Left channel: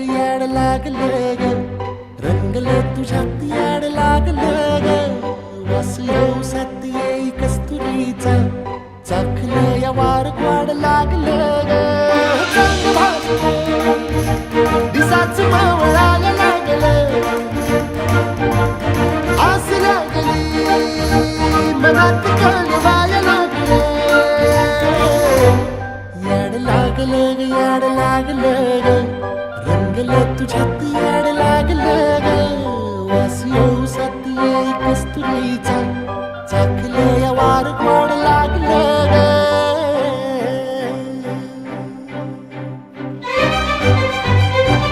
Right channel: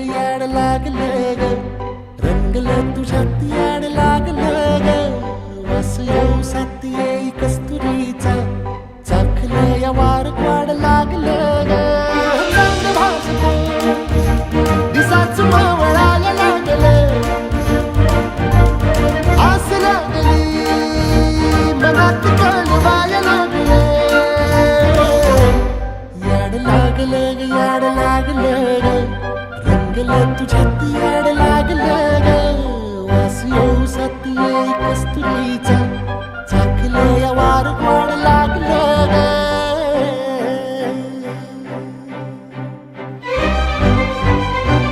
ग याड लागलं ग रंगलं तुझ्यात याड लागलं ग वास येऊ साथ येई कस्तुरीचा चाखलं या वार वाड लागलं ग चांद भाजलं दिसाच मावळायला लागलं आस लागली मनात कळवायला लागलं याड लागलं ग याड लागलं ग रंगलं तुझ्यात याड लागलं ग वास येऊ साथ येई कस्तुरीचा चाखलं या वार वाड लागलं ग